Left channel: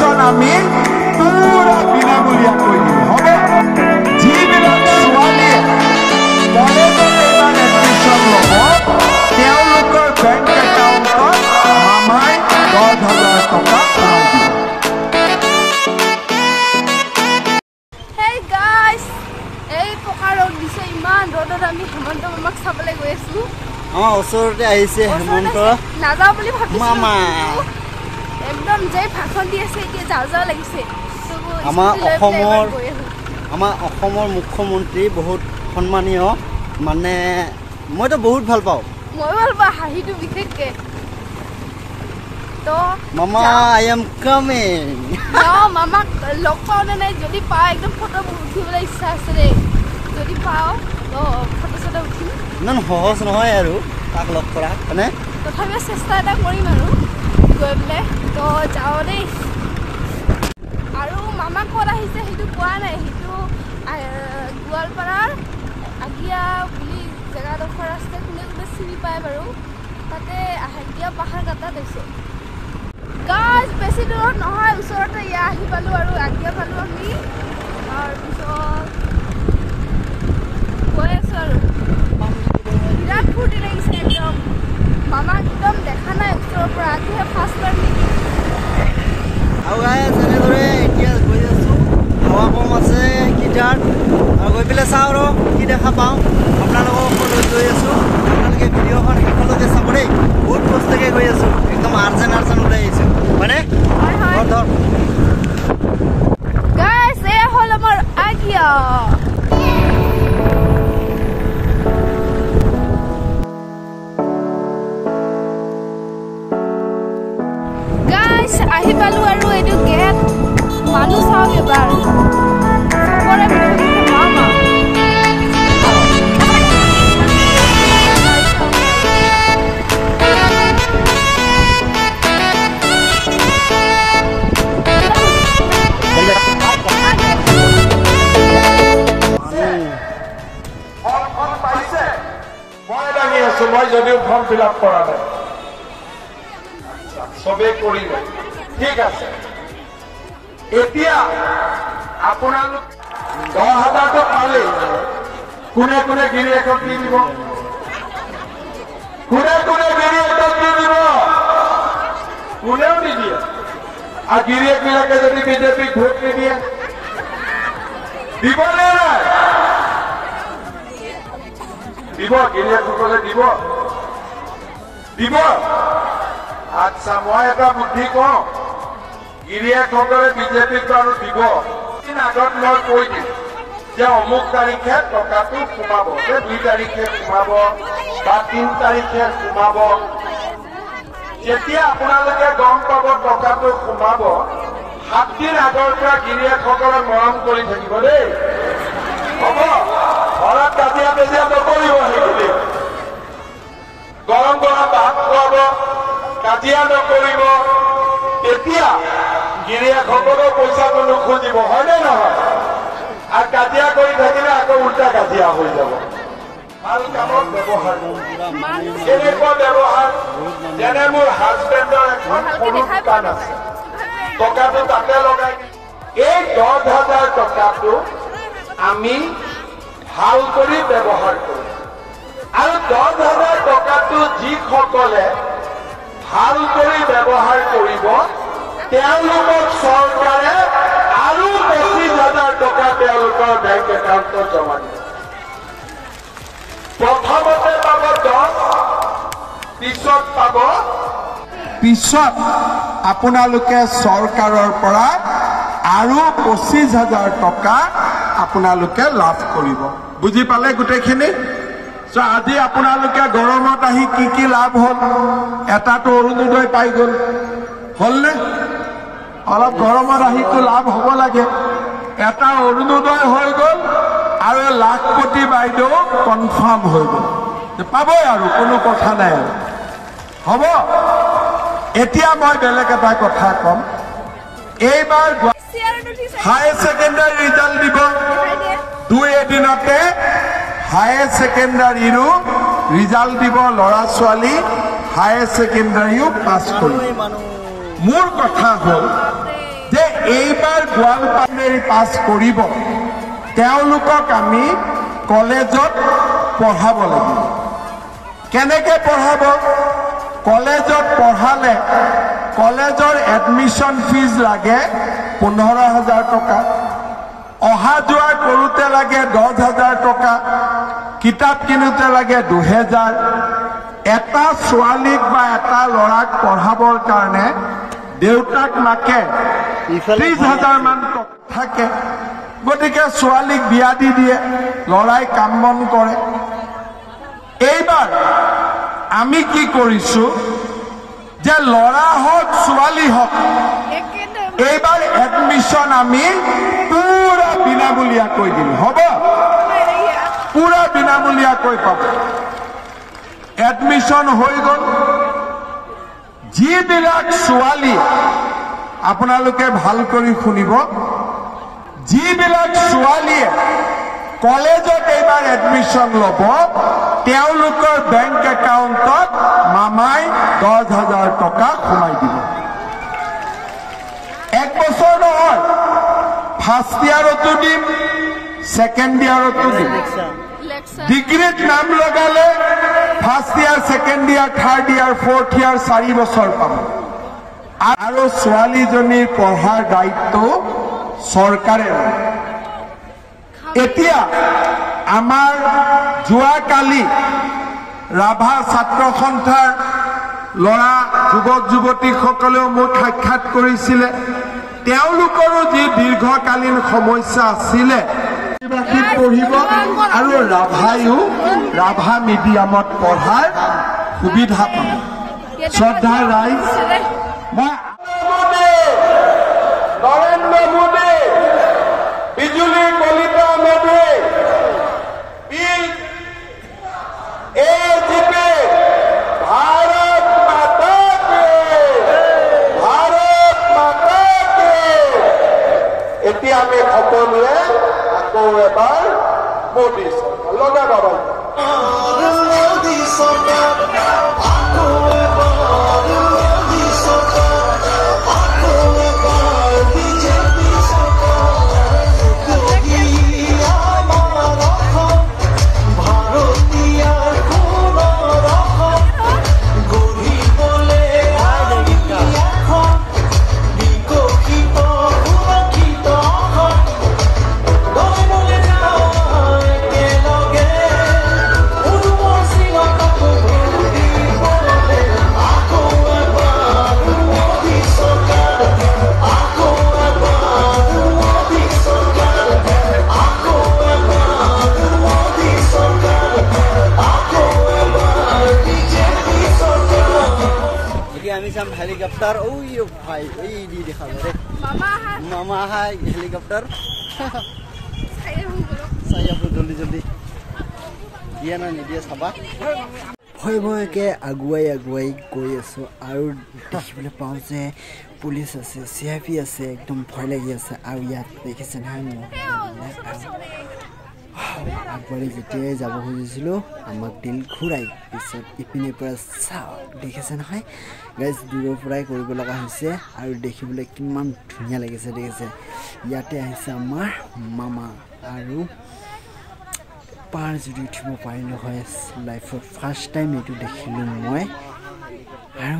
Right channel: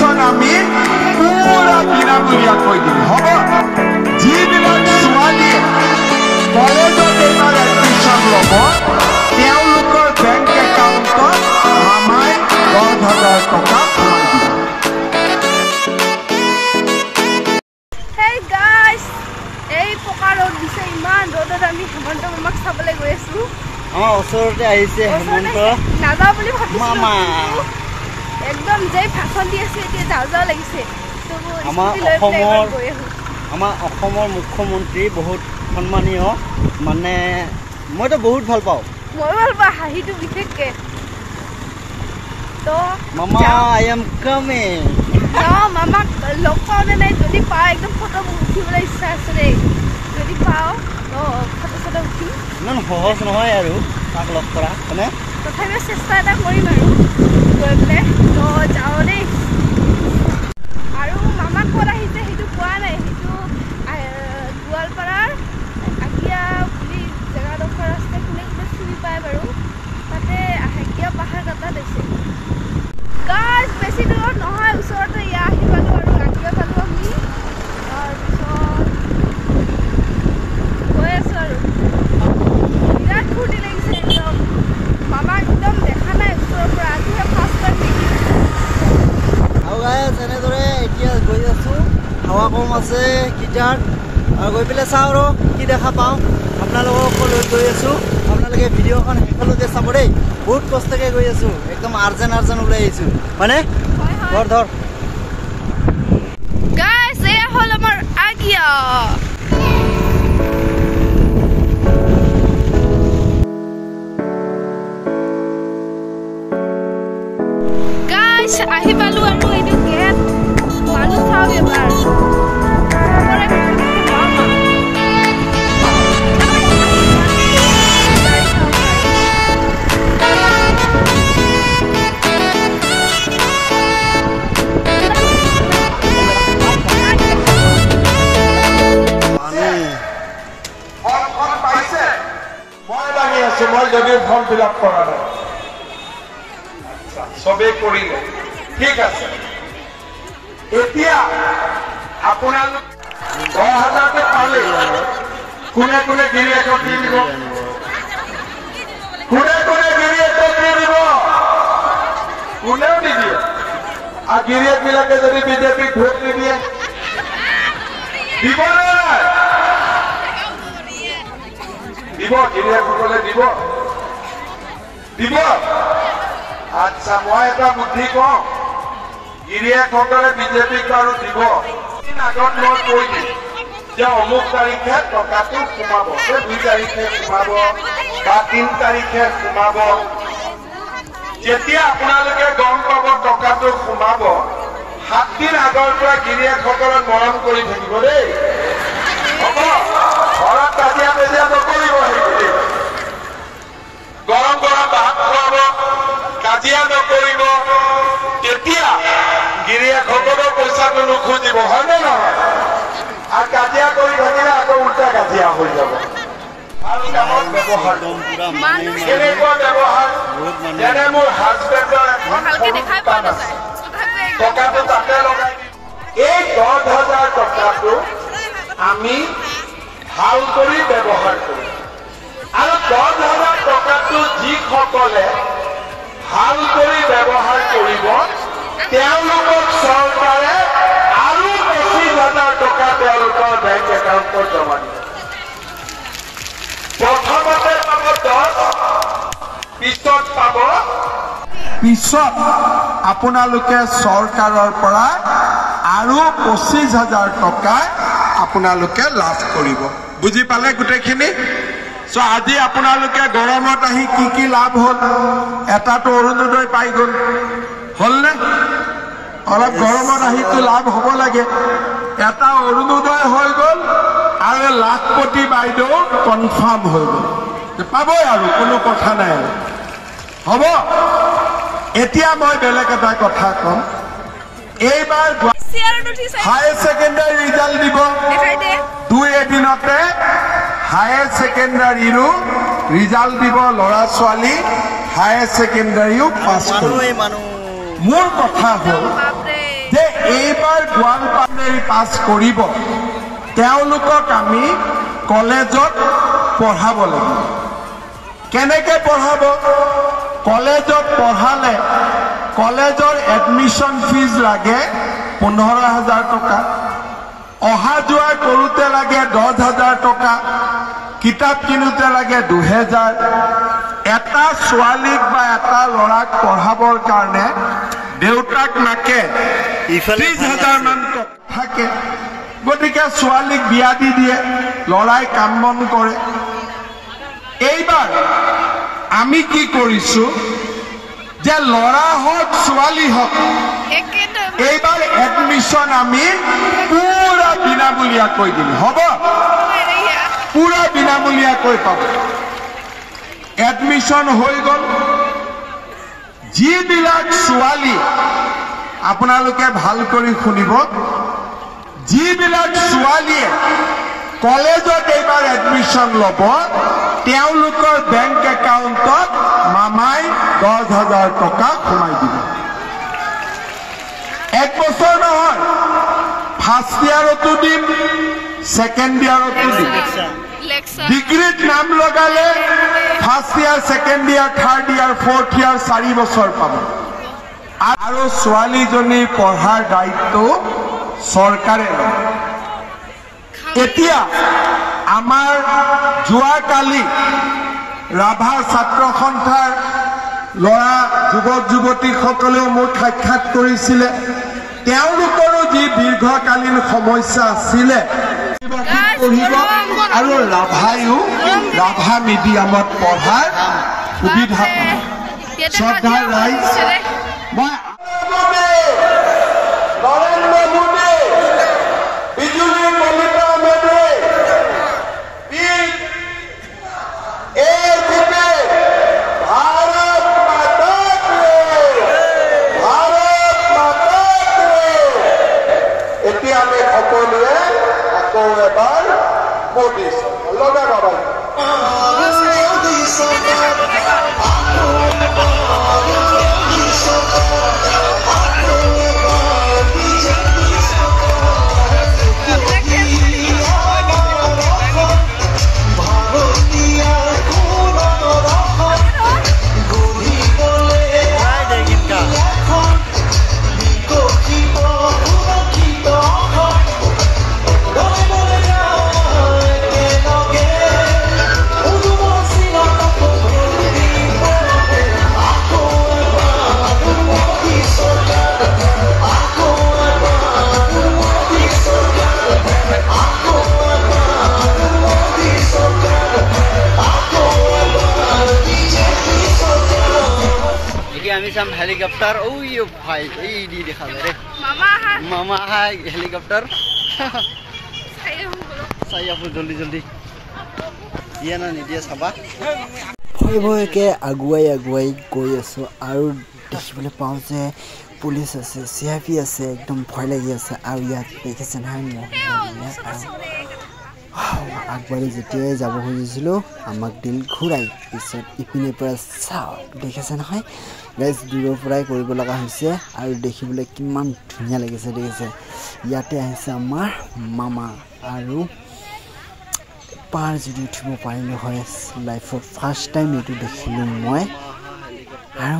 admission আমি পুৰা বিনামূলীয়াকৈ দিম হ'ব যিবিলাক ছোৱালীয়ে কলেজত এইবাৰ এডমিশ্যন ল'ব তেওঁলোকৰ বেংক একাউণ্টত মামাই 10,000 টকা সোমাই দিব Hey guys এই পকা ৰ'দ দিছে ইমান ৰ'দত আমি হেমন্ত মামাক চাবলৈ গৈ আছো ওচৰতে আহিছে হেমন্ত নাযাওঁ বুলি ভাবিছিলো একদম যেই ভাষণ দি আছে এতিয়া যাওঁ যাওঁ লাগিছে আমাৰ অসমৰ মুখ্যমন্ত্ৰী বহুত সন্মানীয় মানে মইতো বহুত ভাল পাওঁ মই ভাল পাওঁ হাঁহিটো বিশেষকে তো মামা আই এম কামিং মামাক লগ পাওঁ নে নাই যদি পাওঁ একদম ফটো উঠিবলৈ ইচ্ছা আছে দেই যদি পাওঁ ফটো চটো উঠিম ইমান সহজ নহয় আৰু তাক লগ কৰা হয়নে তথাপিও চেষ্টা এটা কৰিম আৰু গৈ পেলাই তো যাওঁ দেই আৰু মামা ক'ত আহিছে সেইটো কোৱা নাই সেইটো গোৱালপাৰাৰ আগিয়া বুলি জেগাডোখৰ আছে কোনে কোনে চিনি পায় বাৰু তাতে আগিয়া পাহাৰ কাটাত হৈছে গাছ বেছি দূৰত নহয় ওচৰতে ইয়া আহি পালোঁ আৰু আগিয়া পালোঁ আমি তাৰপিছত গৈ আছোঁ আৰু বিৰাট ফূৰ্তি লাগিছে একদম মামাক একদম দেখা নাই ওচৰৰ পৰা আজিহে ফাৰ্ষ্ট টাইম আৰু তেনেদৰে এতিয়া গৈ আছোঁ হাৱা কম আছে গীটাৰ আৰু গৈ পেলাই চাওঁ আৰু কি দেখা পাওঁ আপোনালোকক লৈ গৈ আছোঁ আপোনালোকে ভিডিঅ'খন শেষলৈকে চাব দেই বহুত কষ্টকে গৈ আছোঁ একদম আৰ্জেণ্ট ওলাই আহিছোঁ মানে ধৰ গাইছ এয়া হ'ল আমাৰ আগিয়া গাইছ আহি পালোঁ আৰু এইটো গেট মানুহ চাওক এবাৰ মামা মই যদিও ফৰ্ম ফিল আপ কৰা নাই চবেই কৰিলে ঠিক আছে এতিয়া আপোনালোক 10,000টো পালে কোনে কোনে গিৰিয়েকক দি দিব কোনেও নিদিয়ে আৰু গিৰিয়েকবিলাকে যদি বিজেপিক ভোট নিদিয়ে দিব নাই দিব গিৰিয়েকসকলে দিব আচ্ছা মই এটা বুদ্ধি কওঁ গিৰিয়েকসকলে বিজেপিক বাৰু দিব আগত মই কৈ দিম যে অমুক তাৰিখে টকাটো সোমাব 2 তাৰিখে সোমাব বা 3 তাৰিখে সোমাব যেতিয়া আপোনালোকে গম পাব টকাটো সোমাব 7 দিন আগৰ পৰা গিৰিয়েকসকলক মৰম কৰি থাকিব দেই হ'ব ঘৰত কাজিয়া নকৰিব সেইখিনি গৰম ভাত খুৱাব কাজিয়া নকৰিব তেতিয়া গিৰিয়েকসকলৰ পইচাটো নুখুজিব হয়নে নহয় আৰু কাজিয়া কৰি থাকিলে আকৌ উল্টা কাজিয়া হৈ যাব ভাল কামত ব্যৱহাৰ কেনেকুৱা ব্যৱহাৰ যেনে মোৰ হাজবেণ্ডৰ টকাটো তাতে লগাই এই 10,000 টকাটো আমি ভাল কৰি ব্যৱহাৰ কৰোঁ আৰু 10,000 টকাটো যিসকলে ভাল কৰি ব্যৱহাৰ কৰিব তেওঁলোকক চৰকাৰে আৰু 25,000 টকা তেওঁলোকৰ বেংক একাউণ্টত জমা দিব প্ৰথমতে পাব 10 পিছত আপোনালোকে চৰকাৰৰ পৰা আৰু 25,000 টকা আপোনালোকে লাভ কৰিব বুজি পালে গোটেইখিনি আজি আপোনালোকে গৰমত আহি কি লাভ হ'ল এটাটো অৰুণোদয় পাই গ'ল হ'লনে অলপ গৰমত আহিটো লাভ হ'ব লাগে এটা অৰুণোদয় হৈ গ'ল আৰু লাখপতি বাইদেউ কনফাৰ্ম হৈ গ'ল পাবই আৰু কোনো কথা নাই আৰু হ'ব এতিয়া মই বেলেগ এটা কথা ক'ম এইবাৰ হায়াৰ ছেকেণ্ডাৰী ৰিজাল্ট দিব 2 এদিনতে হায়াৰ ছেকেণ্ডাৰীৰো ৰিজাল্ট দিব ল'ৰা ছোৱালী হায়াৰ ছেকেণ্ডাৰীও পাছ কৰিব মোৰ কথা হ'ল যে এইবাৰ গোৱালপাড়াৰে পাছ কৰিব তেওঁলোকক আমি কলেজত পঢ়াব লাগিব কেনেকৈ পঢ়াব কলেজত পঢ়ালে কলেজৰ এডমিশন ফিজ লাগে 15,000 টকা অহা যোৱা কৰোতে লাগে 10,000 টকা কিতাপ কিনোতে লাগে 2,000 এটা ছোৱালীক বা এটা ল'ৰাক পঢ়াবৰ কাৰণে দেউতাক নাকে 30,000 মান টকা থাকে গতিকে ছোৱালীক বিয়া দি দিয়ে ল'ৰাই কাম বন কৰে এইবাৰ আমি কি কৰিছো যে ল'ৰা হওক ছোৱালী হওক এইবাৰ এডমিশন আমি পুৰা বিনামূলীয়াকৈ দিম হ'ব পুৰা বিনামূলীয়াকৈ পাব এডমিশন হৈ গ'ল যিবিলাক ছোৱালী আপোনালোকে ভাল কৰি শুনিব যিবিলাক ছোৱালীয়ে কলেজত এইবাৰ এডমিশন ল'ব তেওঁলোকৰ বেংক একাউণ্টত মামাই 10,000 টকা সোমাই দিব এক বছৰ নহয় ফাৰ্ষ্ট ইয়াৰতো দিম ছেকেণ্ড ইয়াৰতো দিম ডিগ্ৰীত নাম লগালে first year second year third year fourth year 4 বছৰ পাব আৰু ছোৱালীজনীৰ পঢ়াৰ দায়িত্ব চৰকাৰে লয় এতিয়া আমাৰ যোৱাকালি ৰাভা ছাত্ৰ সন্থাৰ ল'ৰা যুৱক যুৱতীসকলেও মোক সাক্ষাৎ কৰিছিলে তেওঁলোকৰো যি দীৰ্ঘকালীন সমস্যা আছিলে পঢ়িব আৰু ৰাভা মিডিয়ামত পঢ়াৰ সুবিধা পাব শ্ৰদ্ধাৰ ৰাইজ মই নৰেন্দ্ৰ মোদী বিজুলী কলিতা মেধি भारत माता के এতিয়া আমি সকলোৱে আকৌ এবাৰ মোদী চৰকাৰ লগা বাবাই মোদী চৰকাৰ আকৌ এবাৰ মোদী চৰকাৰ আকৌ এবাৰ বিজেপি আমি চাম হেলিকপ্টাৰ ঐ ভাই এই দি দেখা যায় ৰে মামা হাই হেলিকপ্টাৰ চাই আহো জলদি জলদি দিয়া না নিদিয়া চাবা ভয়কে আগুৱাই গৈ আছো আৰু দেখিবলৈ পাওঁ যে পুলিচ আছে CIP আছে একদম ভয় লাগি আছে আৰু ইয়াত দেখিছে নহয় আগবাঢ়ি যেতিয়াই যাব খুজিছিলোঁ আমাক দিল ঘূৰাই পিছত ইপিনে পৰা চাওঁ দেখিছে নহয় গাইজ দূৰৰ পৰাই কৰিব লগা হৈছে আৰু দেখিবলৈ কিমান ধুনীয়া লাগিছে দেখিছে ইয়াতে আহিছে আমাৰ মামা আৰু পাৰ যদি উঠিব পাৰিলোঁ হয় লাইফত ফাৰ্ষ্ট টাইম এইটো দেখিলোঁ মই আৰু